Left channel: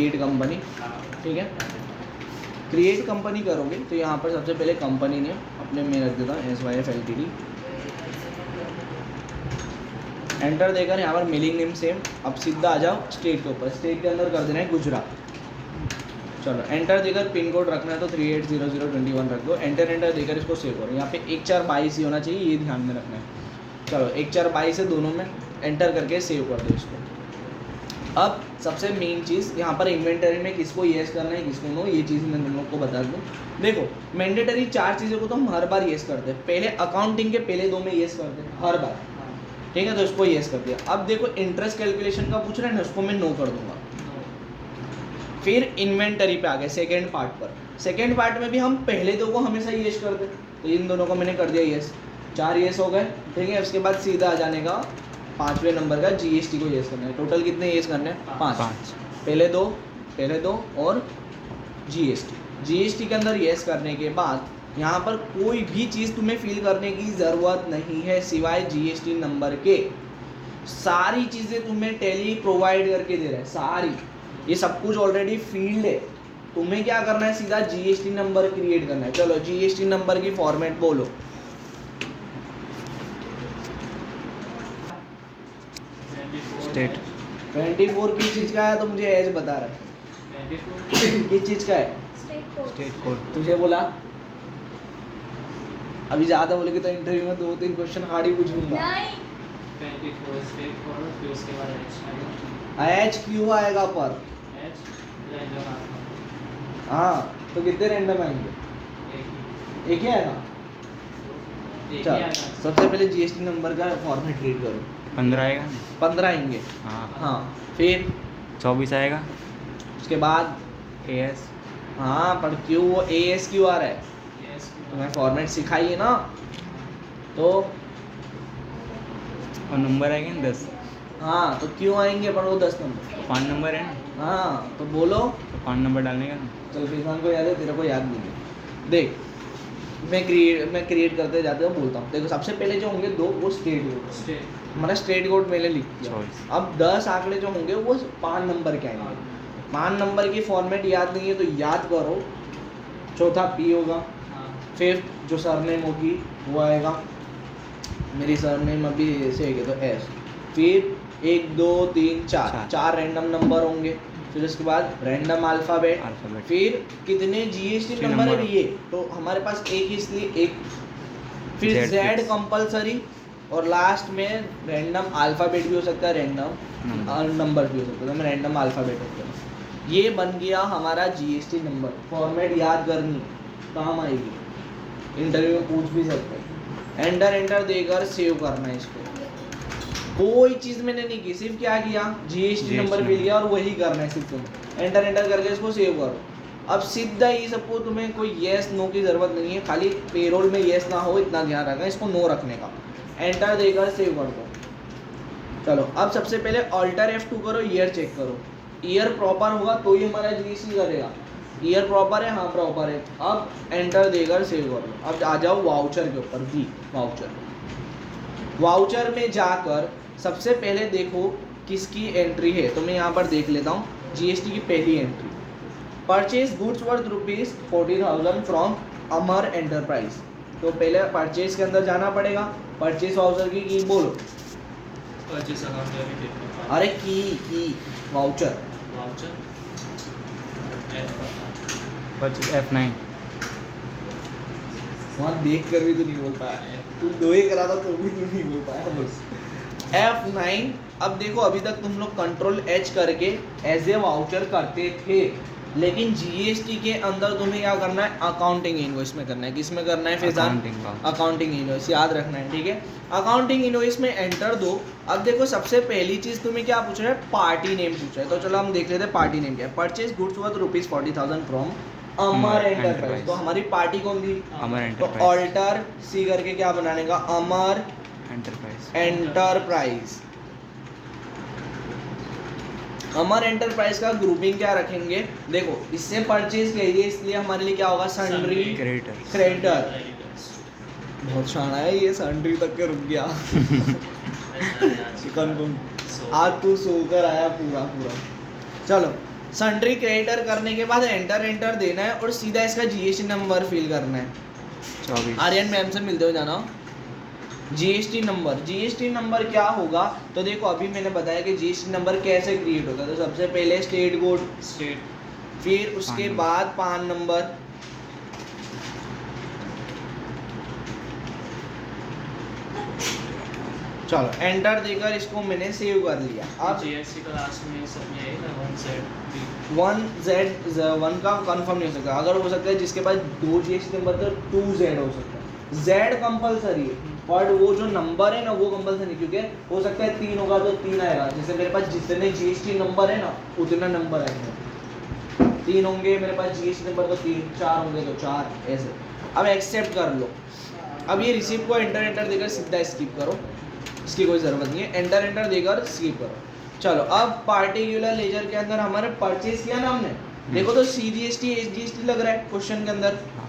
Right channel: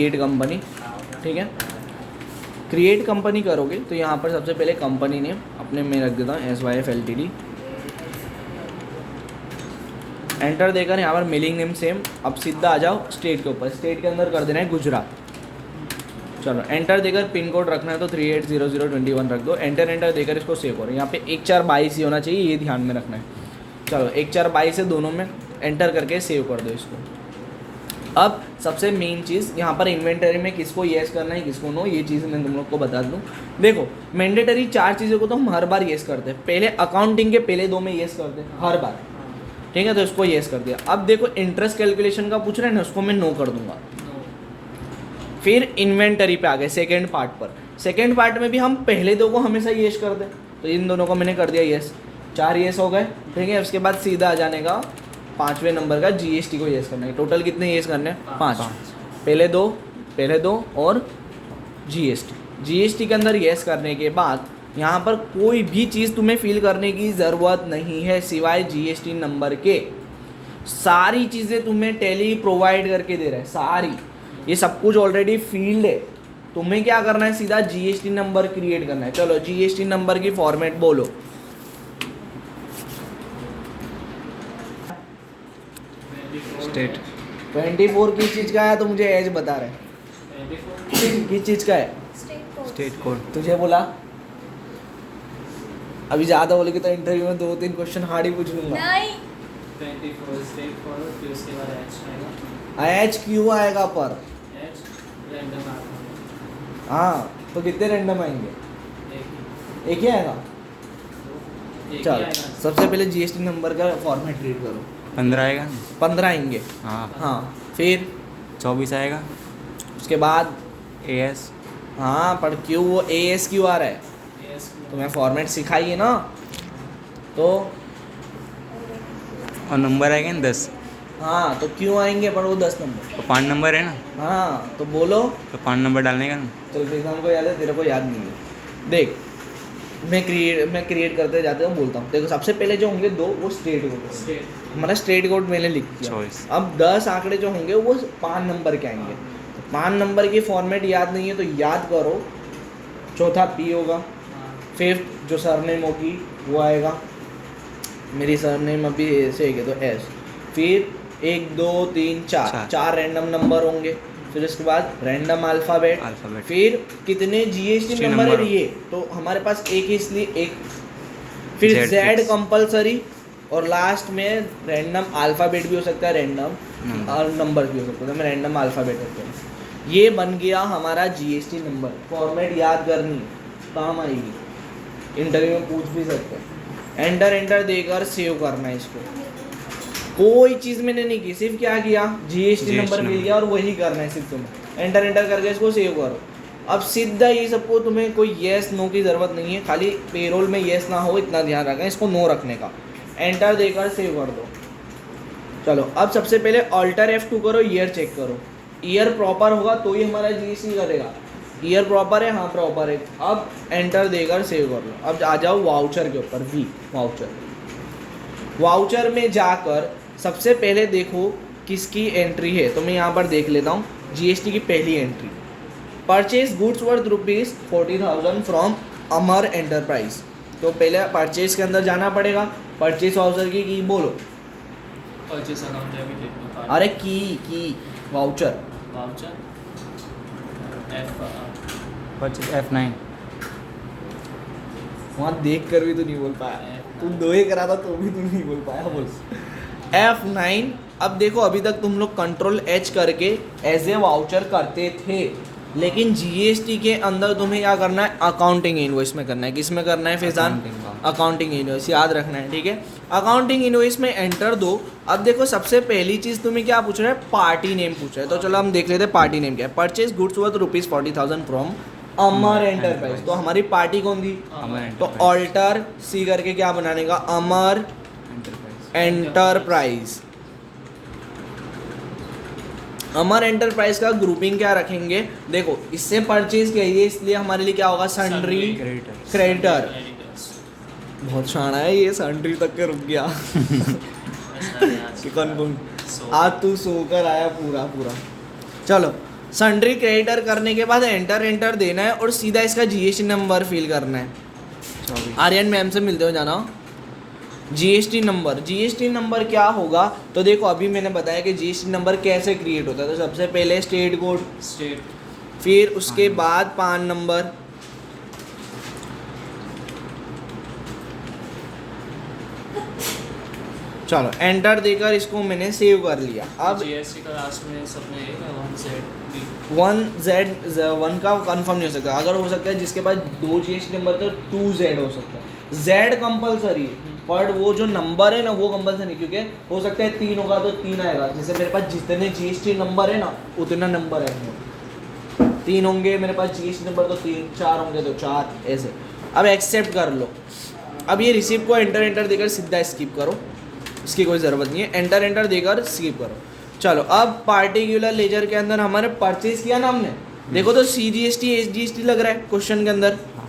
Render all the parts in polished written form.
Create company, ठीक है। Create company करोगे तो यहाँ पर सबसे पहले कंपनी नेम अपने में रख देता हूँ SYF LTD। एंटर देकर यहाँ पर मेलिंग नेम सेम। अब सीधा आ जाओ स्टेट के ऊपर, स्टेट के अंदर कर देना है गुजरात। चलो एंटर देकर पिन कोड रखना है तो 380021 रख दो। एंटर देकर इसको सेव करो। यहाँ पे 1422 ही होना चाहिए, ये ध्यान में रखना है। चलो 1422 है दोनों में, एंटर करके सेव कर दो इसको। अब सबसे मेन चीज़ यहाँ पर इन्वेंटरी में किसको येस करना है किसको नो, ये चीज़ मैं तुम लोग को बता दूँ। देखो मैंडेटरी 4 चीज़ों को तो हम हर बार येस करते हैं। पहले अकाउंटिंग के पहले 2 में येस करते हैं हर बार, ठीक है, तो इसको येस कर दिया। अब देखो इंटरेस्ट कैलकुलेशन का पूछ रहे हैं ना, उसको मैं नो कर दूंगा। फिर इन्वेंटरी पे आ गए सेकेंड पार्ट पर। सेकेंड पार्ट में भी हम पहले 2 को हमेशा येस कर दें, तो इन दोनों को मैंने कर दिया येस, 4 येस हो गए, ठीक है। उसके बाद सीधा आ जाने का 5वें नंबर का GST को येस करना है। टोटल कितने येस करने हैं? 5। पहले दो और GST के अंदर येस करने के बाद यहाँ पर कोई भी चीज़ तुम्हें फिल करने की ज़रूरत नहीं है सिवाय GST नंबर के। सारी चीज़ें तुम्हें टैली प्रोवाइड करके दे रहा है, सारी, ये सब कुछ ऑलरेडी फील्ड है। तुम्हें क्या करना है, सीधा GST नंबर क्रिएट करना है। चलो GST नंबर की फॉर्मेट बोलो। स्टेट 24 किस चीज़ का है तो मुझे एज बता रहे हैं, किस चीज़ का है? State code. तुझे बोला अभी ज़्यादा बोलेगी तो इंटरव्यू में 2-3 क्वेश्चन हार्ड ही पूछ लूँगा। नहीं 24 स्टेट फॉरवर्ड, फिर उसके बाद H आएगा। एच क्यों आएगा पर? H रैंडम आएगा। हाँ तो कितने रैंडम आएंगे? एक ही आएगा। एक ही चल आएगा। सबसे पहले GST नंबर का फॉर्मेट रीड करो। 15 आएगा। 15 आएंगे, हाँ। हाँ। फिर 24 आएगा। उसके बाद AS। हाँ पर क्यों वो AS क्यों आ रहा है? Yes, तुम्हें फॉर्मेट सिखाइए ना, तो और नंबर आएगा ना 10। हाँ तो क्यों आएंगे पर वो 10 नंबर? तो 5 नंबर है ना, हाँ तो बोलो। तो 5 नंबर डालने का ना। चल फिर हमको याद है, तेरे को याद नहीं है। देख मैं क्रिएट करते जाते हूँ, बोलता हूँ। देखो सबसे पहले जो होंगे 2 वो स्टेट कोड, स्टेट हमारा स्टेट कोड मैंने लिख दिया। Choice। अब 10 आंकड़े जो होंगे वो 5 नंबर के आएंगे। 5 नंबर की फॉर्मेट याद नहीं है तो याद करो। चौथा P होगा, हाँ। फिफ्थ जो सरनेम होगी वो आएगा। मेरी सरनेम अभी ऐसे है तो S। फिर 1 2 3 4 रैंडम नंबर होंगे। फिर उसके बाद रैंडम अल्फ़ाबेट। फिर कितने GST नंबर है ये, तो हमारे पास एक, इसलिए एक। फिर Z कंपलसरी, और लास्ट में रैंडम अल्फ़ाबेट भी हो सकता है, रैंडम नंबर भी हो सकता है। तो मैं रैंडम अल्फ़ाबेट होता है। ये बन गया हमारा GST नंबर। फॉर्मेट याद करनी, काम आएगी, इंटरव्यू में पूछ भी सकते हैं। एंटर देकर सेव करना है इसको। कोई चीज़ मैंने नहीं की, सिर्फ क्या किया, GST नंबर मिल गया और वही करना है सिर्फ तुम्हें। एंटर करके इसको सेव करो। अब सीधा ये सबको तुम्हें कोई येस नो की ज़रूरत नहीं है, खाली पेरोल में येस ना हो इतना ध्यान रखना, इसको नो रखने का। एंटर देकर सेव कर दो। चलो अब सबसे पहले ऑल्टर F2 करो, ईयर चेक करो। ईयर प्रॉपर होगा तो ही हमारा GST करेगा। ईयर प्रॉपर है, हाँ प्रॉपर है। अब एंटर देकर सेव कर लो। अब आ जाओ वाउचर के ऊपर, V वाउचर में जाकर सबसे पहले देखो किसकी एंट्री है, तो मैं यहाँ पर देख लेता हूँ। GST की पहली entry, purchase goods worth ₹40,000 from Amar enterprise. तो पहले परचेज के अंदर जाना पड़ेगा। परचेज वाउचर की बोलो। Purchase account debit. अरे की वाउचर वाउचर परचेज F9। वहाँ देख कर भी तो नहीं बोल पाया, तू 2 ही करा था तो भी तू नहीं बोल पाया। बस F9। अब देखो अभी तक तुम लोग कंट्रोल H करके एज ए वाउचर करते थे, लेकिन GST के अंदर तुम्हें क्या करना है, अकाउंटिंग इनवॉइस में करना है। किस में करना है फैजान? अकाउंटिंग इनवॉइस, याद रखना है, ठीक है। अकाउंटिंग इनवॉइस में एंटर दो। अब देखो सबसे पहली चीज़ तुम्हें क्या पूछ रहा है, पार्टी नेम पूछ रहा है। तो चलो हम देख लेते हैं पार्टी नेम क्या है। Purchase goods worth ₹40,000 from Amar enterprise. तो हमारी पार्टी कौन थी? अमर तो एंटरप्राइज। ऑल्टर C करके क्या बनाने का, अमर एंटरप्राइज। अमर एंटरप्राइज का ग्रुपिंग क्या रखेंगे, देखो इससे परचेज किया इसलिए हमारे लिए क्या होगा, सन्ड्री क्रेडिटर। बहुत शाना है ये, सन्ड्री तक के रुक गया। कि कौन आज तू सोकर आया पूरा। चलो सन्ड्री क्रेडिटर करने के बाद एंटर देना है और सीधा इसका जीएसटी नंबर फिल करना है। 24 आर्यन मैम से मिलते हो जाना। जीएसटी नंबर क्या होगा, तो देखो अभी मैंने बताया कि जीएसटी नंबर कैसे क्रिएट होता है। तो सबसे पहले स्टेट कोड, स्टेट, फिर उसके पान बाद पान नंबर, चलो एंटर देकर इसको मैंने सेव कर लिया। अब जीएसटी का लास्ट में सब में आएगा 1Z 1 का कंफर्म नहीं हो सकता। अगर हो सकता है जिसके पास 2 जीएसटी नंबर का 2Z हो सकता है। Z कंपलसरी है, पर वो जो नंबर है ना वो कंपलसरी, क्योंकि हो सकता है 3 होगा तो 3 आएगा। जैसे मेरे पास जितने जीएसटी नंबर है ना उतना नंबर आएंगे। 3 होंगे मेरे पास जीएसटी नंबर तो 3, 4 होंगे तो 4, ऐसे। अब एक्सेप्ट कर लो। अब ये रिसीव को एंटर देकर सीधा स्किप करो, इसकी कोई ज़रूरत नहीं है। एंटर देकर स्किप करो। चलो अब पार्टिकुलर लेजर के अंदर हमारे परचेज किया ना हमने, देखो तो CGST SGST लग रहा है क्वेश्चन के अंदर। हाँ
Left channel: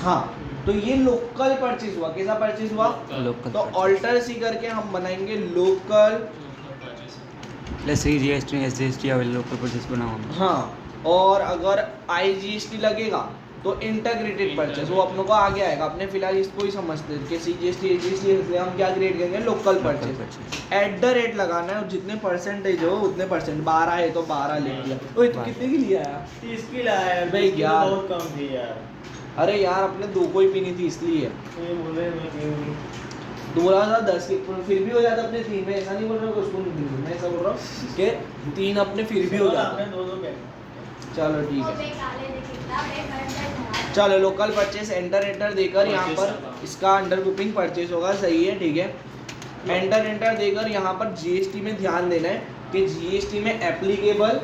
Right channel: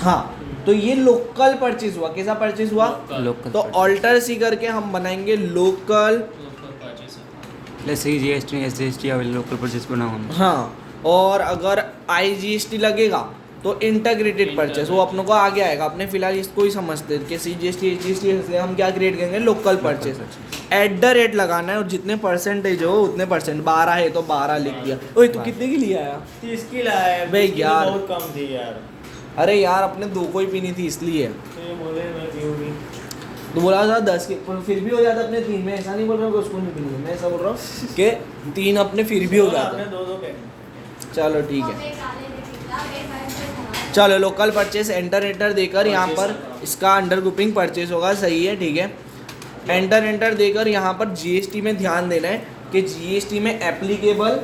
हाँ, तो ये लोकल परचेज हुआ। कैसा परचेज हुआ? लोकल तो ऑल्टर सी करके हम बनाएंगे local. CGST SGST available local purchase बनाओ हम। हाँ, और अगर IGST लगेगा तो इंटीग्रेटेड परचेज, वो अपनों को आगे आएगा। अपने फिलहाल इसको ही समझते हैं कि CGST SGST, इसलिए हम क्या क्रिएट करेंगे? Local purchase. @ लगाना है और जितने परसेंटेज हो उतने परसेंट। 12 है तो 12 लिख दिया। ओए तू कितने की लिया यार? 30 की लाया यार, बे 20 की यार। बहुत कम थी यार। अरे यार अपने 2 को ही पीनी थी इसलिए। तो ये बोले मैं क्यों नहीं। तू बोला था 10 की, पर फिर भी हो जाता अपने 3 में। ऐसा नहीं बोल रहा हूँ कि उसको नहीं पीनी, मैं ऐसा बोल रहा हूँ कि 3 अपने फिर भी हो जाता। आपने 2 पैक। चलो ठीक है। चलो लोकल परचेज एंटर देकर यहाँ पर इसका अंडर ग्रुपिंग परचेज होगा। सही है, ठीक है। एंटर देकर यहाँ पर जीएसटी में ध्यान देना है कि जीएसटी में एप्लीकेबल,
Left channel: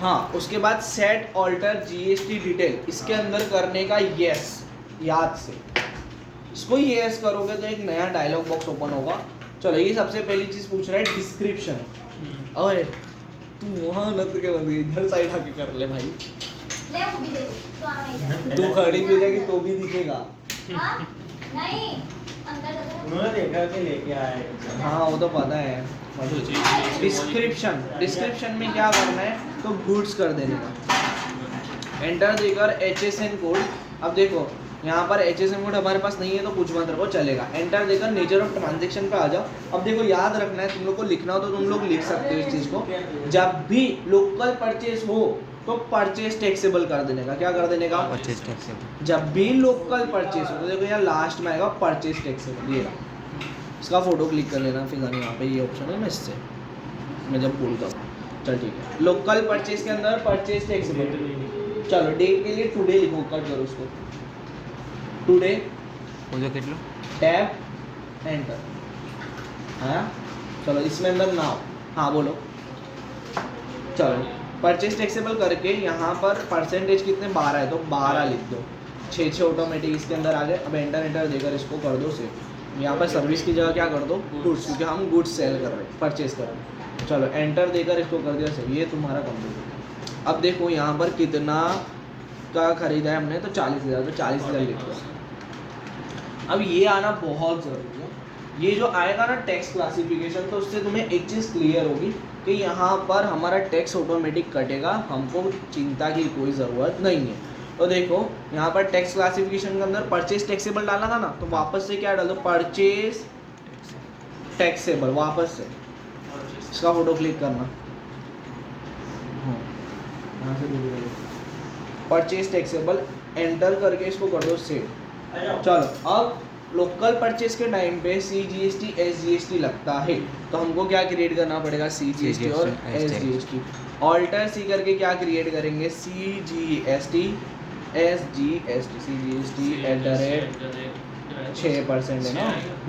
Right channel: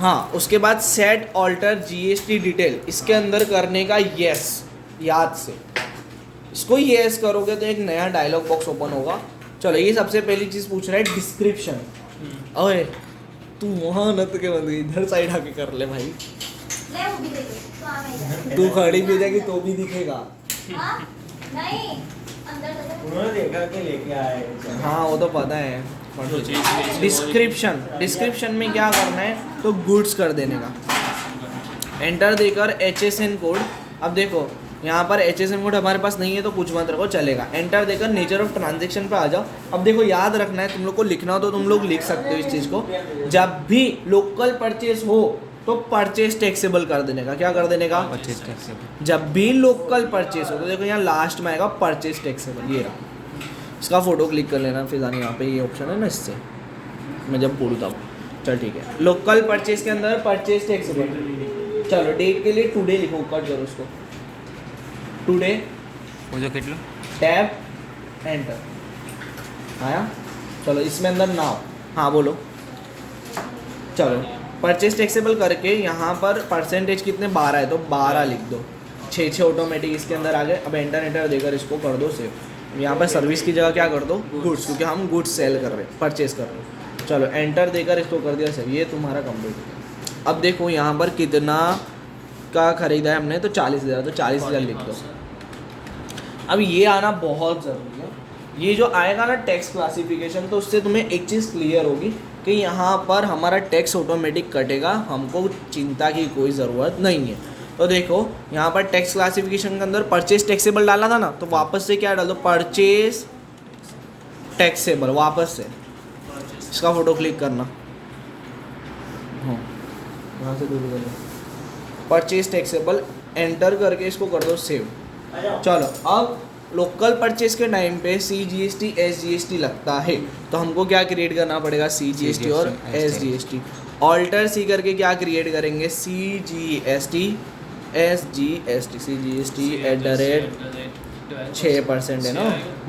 हाँ, उसके बाद सेट ऑल्टर जीएसटी डिटेल इसके अंदर करने का यस, याद से इसको यस करोगे तो एक नया डायलॉग बॉक्स ओपन होगा। चलो ये सबसे पहली चीज़ पूछ रहा है डिस्क्रिप्शन। ओए तू वहाँ नत के बंदे इधर साइड आके कर ले भाई, तू खड़ी भी रहेगी तो भी दिखेगा। उन्होंने देखा कि लेके आए। हाँ वो तो पता है। डिस्क्रिप्शन में क्या करना है, तो गुड्स कर देने का। एंटर देकर HSN कोड। अब देखो यहाँ पर HSN कोड हमारे पास नहीं है तो कुछ मत रखो, चलेगा। एंटर देकर नेचर ऑफ ट्रांजैक्शन पे आ जाओ। अब देखो याद रखना है, तुम लोग को लिखना हो तो तुम लोग लिख सकते हो इस चीज़ को। जब भी लोकल परचेज हो तो परचेज टैक्सेबल कर देने का। क्या कर देने का? Purchase taxable. जब भी लोकल परचेज हो तो देखो यहाँ लास्ट में आएगा परचेज टैक्सेबल। ये रहा, इसका फोटो क्लिक कर लेना। फिलहाल यहाँ पे ये ऑप्शन है ना, इससे मैं जब बोलता हूँ। चल ठीक है, लोकल परचेज के अंदर परचेज टैक्सेबल। चलो डेट के लिए टुडे लिखो, कट करो उसको, टुडे वो जो कितलो टैब एंटर आया। चलो इसमें अंदर नाउ, हाँ बोलो। चलो परचेज टैक्सेबल करके यहाँ पर परसेंटेज कितने 12 है तो 12 लिख दो। 6 ऑटोमेटिक इसके अंदर आ गए। अब एंटर देकर इसको कर दो सेव। यहाँ पर सर्विस की जगह क्या कर दो? गुड्स, क्योंकि हम गुड्स सेल कर रहे हैं, परचेज कर रहे हैं। चलो एंटर देकर इसको कर दिया सेव। ये तुम्हारा कंप्लीट। अब देखो यहाँ पर कितना का खरीदा है हमने, तो 40,000, तो 40,000 लिख दो। अब ये आना बहुत ज़रूरी है। ये जो आएगा ना टैक्स क्लासिफिकेशन, तो उससे तुम्हें एक चीज़ क्लियर होगी कि यहाँ पर हमारा टैक्स ऑटोमेटिक कटेगा, हमको चिंता की कोई ज़रूरत नहीं है। तो देखो यहाँ पर टैक्स क्लासिफिकेशन के अंदर परचेज टैक्सेबल डाला था ना, तो वापस से क्या डाल दो? Purchase taxable. वापस से इसका फोटो क्लिक करना, यहाँ से दूर करो, परचेज टैक्सेबल एंटर करके इसको कर दो सेव। चलो अब लोकल परचेज के टाइम पे CGST SGST लगता है, तो हमको क्या क्रिएट करना पड़ेगा? CGST और SGST। ऑल्टर सी करके क्या क्रिएट करेंगे? CGST SGST। CGST @ 6% है ना,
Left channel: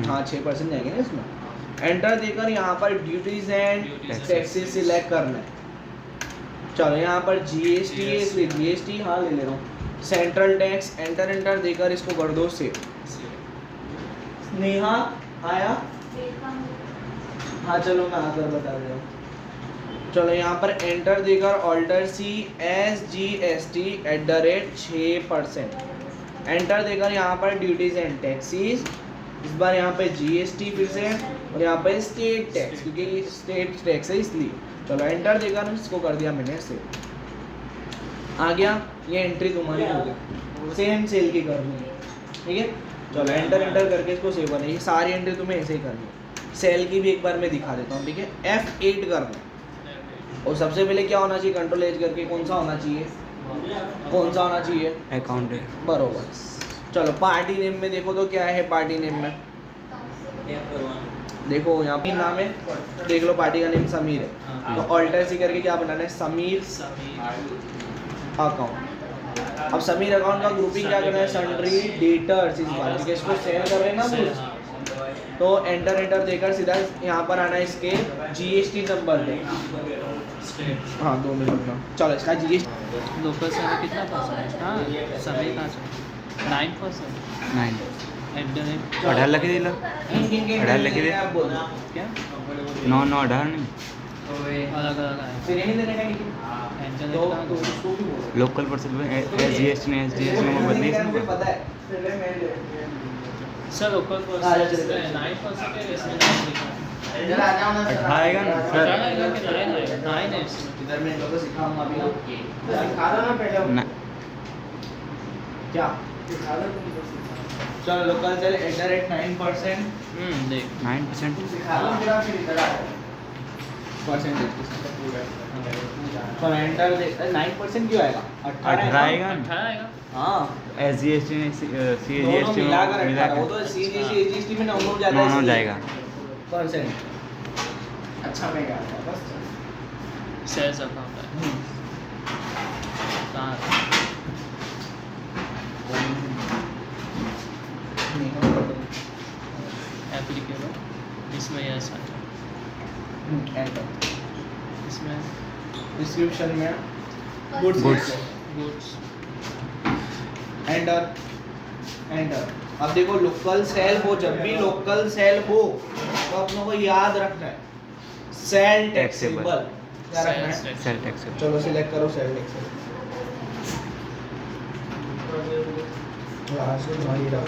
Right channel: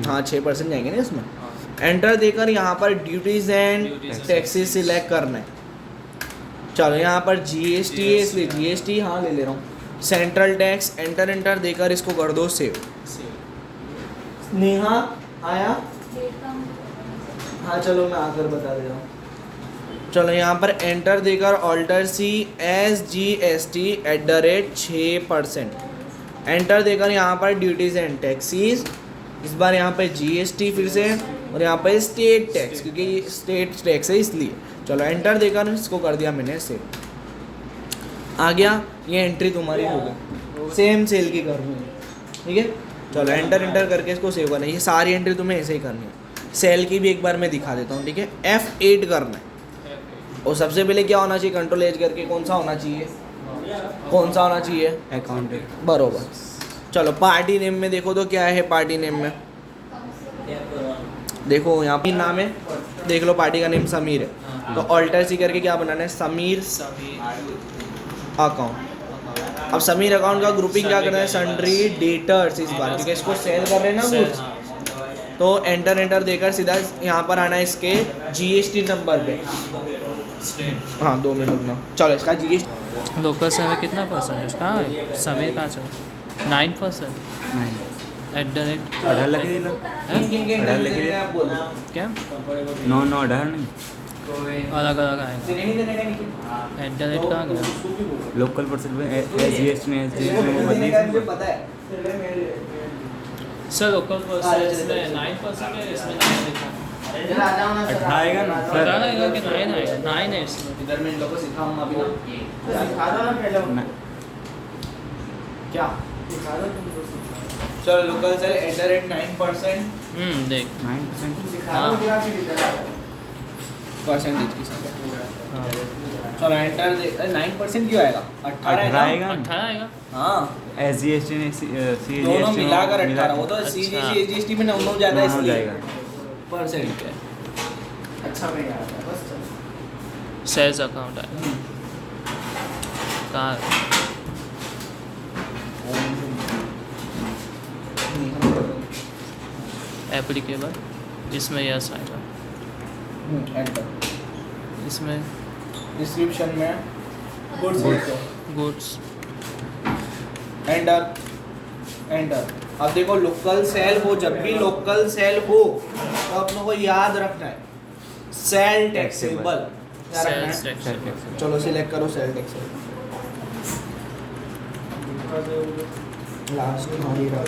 हाँ 6% जाएंगे ना इसमें। एंटर देकर यहाँ पर ड्यूटीज एंड टैक्सेस सिलेक्ट करना है। चलो यहाँ पर GST है इसलिए GST हाँ ले ले रहा हूँ। सेंट्रल टैक्स एंटर देकर इसको कर दो सेव। नेहा आया? हाँ चलो मैं आकर बता दे रहा हूँ। चलो यहाँ पर एंटर देकर ऑल्टर सी SGST @ 6%। एंटर देकर यहाँ पर ड्यूटीज एंड टैक्सीज, इस बार यहाँ पे GST फिर से और यहाँ पे स्टेट टैक्स, क्योंकि स्टेट टैक्स है इसलिए। चलो एंटर देकर इसको कर दिया मैंने से, आ गया ये एंट्री तुम्हारी हो गई। सेम सेल की करनी है, ठीक है। चलो एंटर करके इसको सेव करना है। ये सारी एंट्री तुम्हें ऐसे ही करनी है। सेल की भी एक बार मैं दिखा देता हूँ, ठीक है। F8 करना है और सबसे पहले क्या होना चाहिए, कंट्रोल एज करके कौन सा होना चाहिए, अकाउंट बरोबर। चलो पार्टी नेम में देखो तो क्या है, पार्टी नेम में देखो यहाँ पे नाम है, देख लो पार्टी का नेम समीर है, तो ऑल्टर सी करके क्या बनाना है, समीर अकाउंट। अब समीर अकाउंट का ग्रुपिंग क्या करना है, सन्ड्री डेटर्स इस बार, ठीक है। इसको सेल कर रहे हैं ना गुड्स, तो एंटर देकर सीधा यहाँ पर आना है इसके जीएसटी नंबर पे। हाँ 2 मिनट रुकना। चलो इसका जीएसटी लोकल समय कितना परसेंट है? हाँ समय कहाँ चल 9%। 9 @ 18 लगे दिला 18 लगे दे क्या 9 9 18 नहीं अलग अलग आए इंटरनेट कहाँ गया? लोकल परसेंट SGST ने SGST में बदली इसमें पता है। सर लोकल परसेंट 9% है, इसमें 9 लिखा है। 18 आएगा ना सर 18 आएगा कि 9 आएगा? 9 है इसमें। इधर मैं इन लोगों को सिखाऊंगा अभी ना, सिखा दो ना पहले ना क्या सिखा दो तुम तो। चलो लोकल से एंटर एट 9% देख 9% सिखा दो फिर आप इधर आ जाओ परसेंटेज के साथ। चलो एंटर दे 9% क्यों आएगा, 18 आएगा 18 आएगा। हाँ SGST ने दोनों CGST में मिलाकर मिला 18, वो तो CGST में 9 जाता है 9 इसलिए। जाएगा परसेंट अच्छा में आ गया बस। चलो सेल्स अकाउंट है कहाँ? एप्लीकेबल इसमें यस आएगा, एंटर इसमें डिस्क्रिप्शन में गुड्स Goods। Goods enter. अब देखो लोकल सेल हो, जब भी लोकल सेल हो तो अपनों को याद रखना है सेल टैक्सेबल। क्या रखना है? सेल टैक्स चलो सिलेक्ट करो सेल टैक्सेबल, लास्ट में हमारी रख।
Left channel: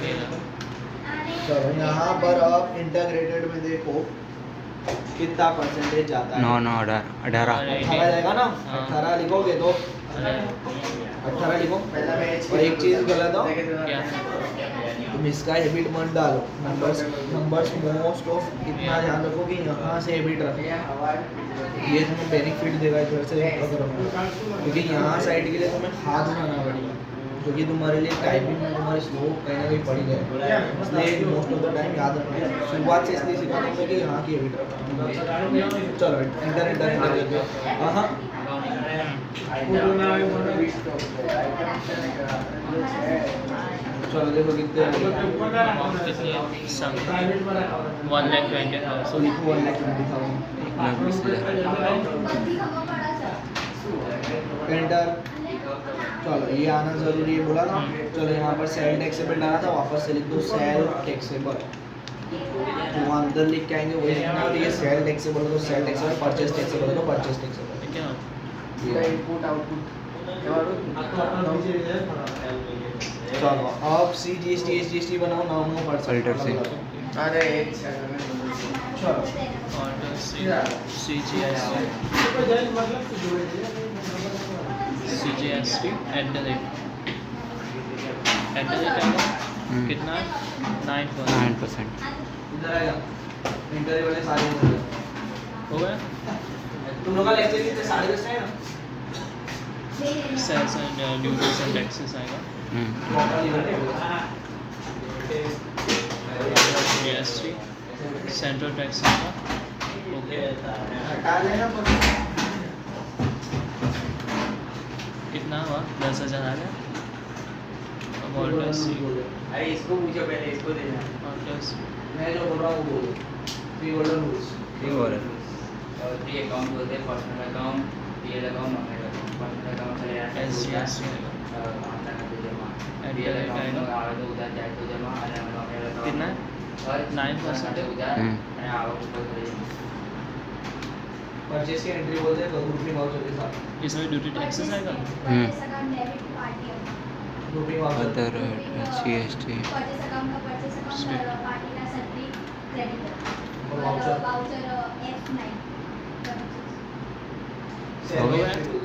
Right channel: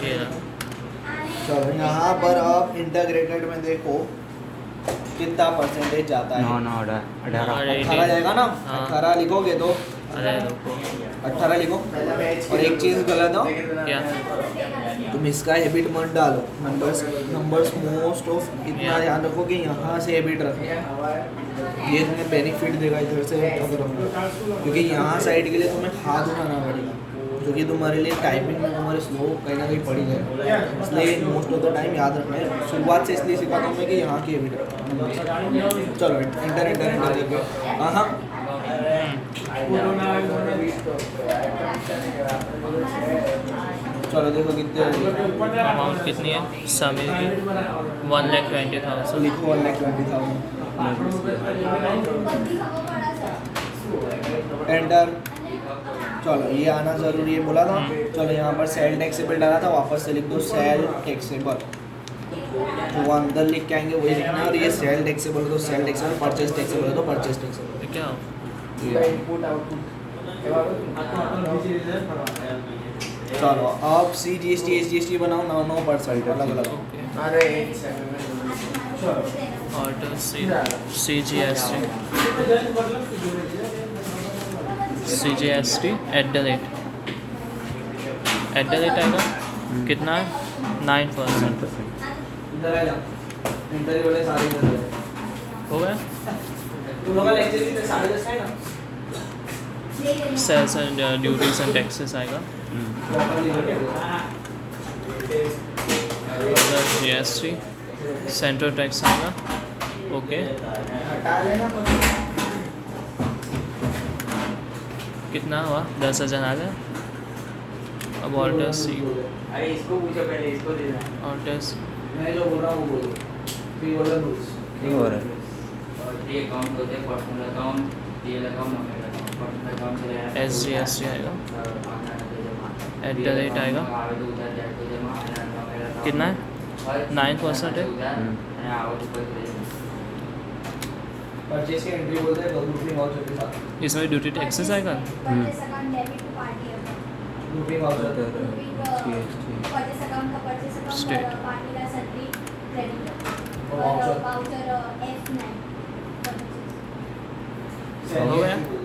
चलो यहाँ पर आप इंटीग्रेटेड में देखो कितना परसेंटेज जाता है। 9 9 18 18 जाएगा ना, हाँ। 18 लिखोगे तो 18 लिखो। और एक चीज़ गलत हो, क्या? तुम इसका हैबिट मत डालो, नंबर्स मोस्ट ऑफ इतना ध्यान रखो कि यहाँ से हैबिट रखो, ये तुम्हें बेनिफिट देगा इधर से पकड़ो, क्योंकि यहाँ साइड के लिए तुम्हें हाथ उठाना पड़ेगा, जो कि तुम्हारे लिए टाइपिंग में तुम्हारे स्लो कहीं ना कहीं पड़ी जाए। इसलिए मोस्ट ऑफ द टाइम याद रखना है। शुरुआत से इसलिए सिखाता हूँ मैं कि यहाँ की हैबिट रखो। चलो एंटर लेके हाँ चलो देखो कितने अमाउंट कितनी है समय की? 1,20,000। लिखो 1,20,000 एंटर। चलो ये आना ज़रूरी है बोला था। चलो यहाँ पर सेल टैक्सेबल डाला था, वापस से लिख दो सेल टैक्सेबल, तो वो अंदर लिख के आएंगे वही लिखना है। और ये सेल टैक्सेबल तो सेल टैक्सेबल, परचेज टैक्सेबल तो परचेज टैक्सेबल। क्या इनपुट आउटपुट। चलो अब CGST SGST बनाओ 9% अरे चलो CGST @ आएगा कितना है? 9%। 9% इधर आ जा, इंटरव्यू वाले सारे इधर हो गया। तुम लोग का लेक्चर कितने 10:30 है ना? Sales and duties and taxes आएगा। GST सेंट्रल टैक्स आएगा। ओके हटा लेना कितना हुआ? 10,000 आ गया। अब ऑल्टर सी अरे इसको पूछो पहले, इसको देना है। ऑल्टर मैं जो बोल रहा हूँ वो थ्री ऑर्डर रूल्स। ठीक हो रहा है और 3 अकाउंट होते हैं, personal account, DL account, nominal account. Personal account से SGST आएगा। @ आएगा कितना है? 9% है। परचेज की एंट्री बोलते हैं ग्रुपिंग वाउचर के साथ। इसमें ड्यूटी टैक्सेस आएगा। Grouping voucher other CST state voucher F9 हो गया?